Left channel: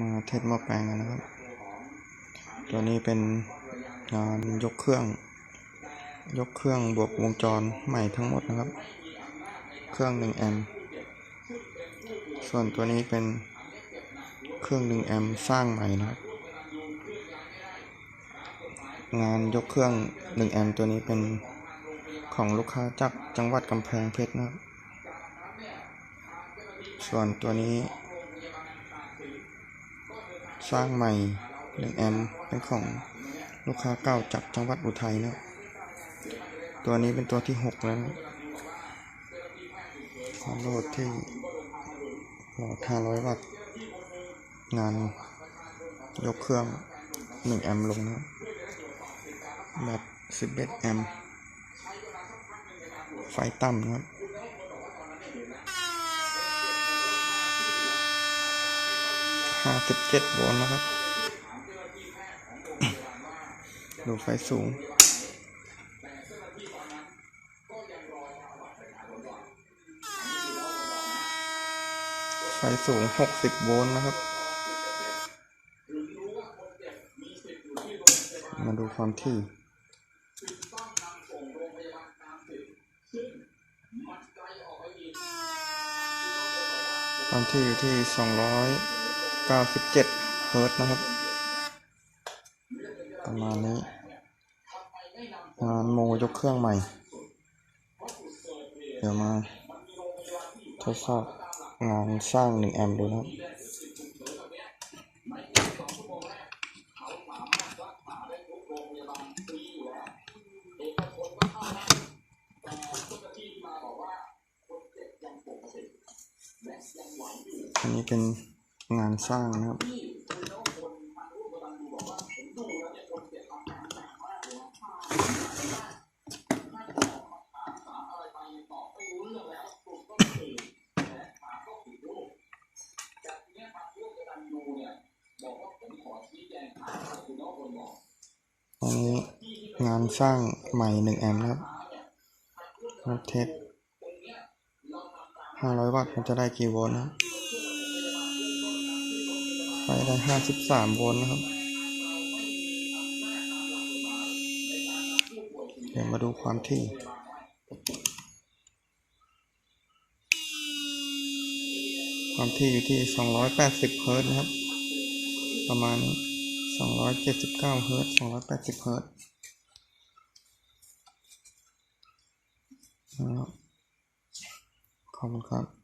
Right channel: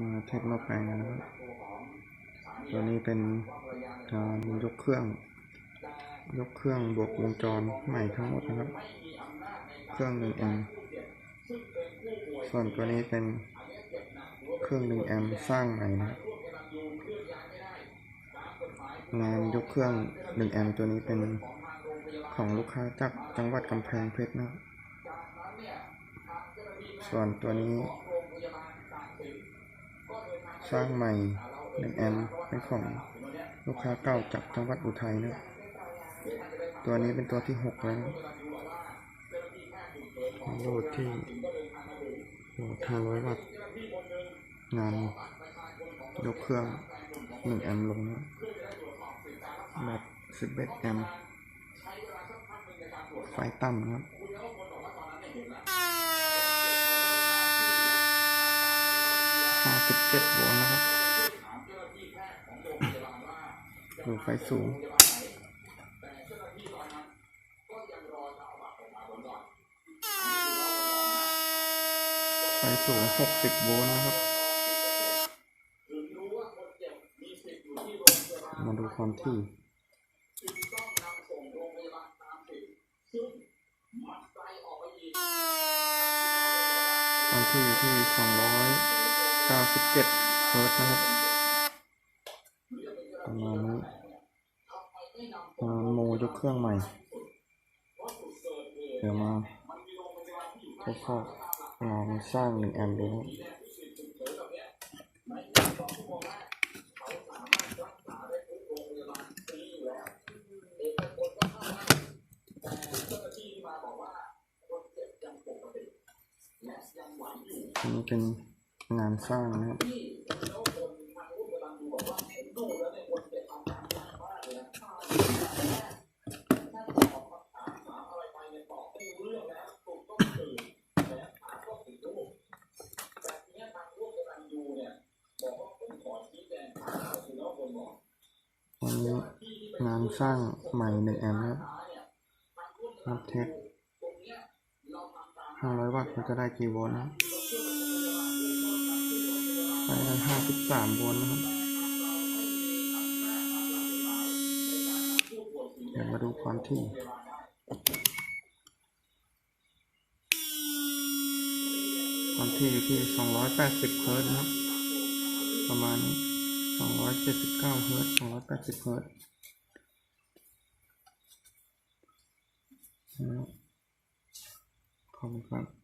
มาเทสหม้อแปลงกันนะครับ ตัวนี้เป็นงานยกเครื่อง ยกเครื่องบวกวงจรใหม่ทั้งหมดนะครับ เครื่อง1แอมป์ส่วนตัวนี้เป็นเครื่อง1แอมป์สร้างใหม่นะครับงานยกเครื่อง1แอมป์ตัวนี้เป็นของลูกค้าจากจังหวัดกำแพงเพชรนะครับ ส่วนตัวนี้ สร้างใหม่1แอมป์เป็นของลูกค้าเก่าจากจังหวัดอุทัยนะตัวนี้เป็นตัวที่6แล้วนะความโหลดที่โหลด500 วัตต์ งานยกเครื่อง 1 แอมป์ลงนะครับบ11 แอมป์ไฟต่ำนะครับ 57โวลต์นะครับ ดูไฟสูง ไฟสูง60โวลต์นะครับ มาดูความที่ความที่อยู่ที่ 97เฮิร์ตนะครับ ประมาณนี้งานโมยกเครื่องใหม่ เดี๋ยวมาทดสอบงานสร้าง 1 แอมป์ดูนะครับอันนี้เป็น งานสร้างนะครับอันนี้งานสร้างใหม่หนึ่งแอมป์นะครับนับเทสห้าร้อยวัตต์มันจะได้กี่โวลต์นะครับ ไฟได้ห้าสิบสามโวลต์นะครับ เดี๋ยวมาดูความที่ความที่อยู่ที่สองร้อยแปดสิบเฮิร์ตนะครับ ประมาณนี้สองร้อยเจ็ดสิบเก้าเฮิรตซ์สองร้อยแปดสิบเฮิรตซ์นะครับขอบคุณครับ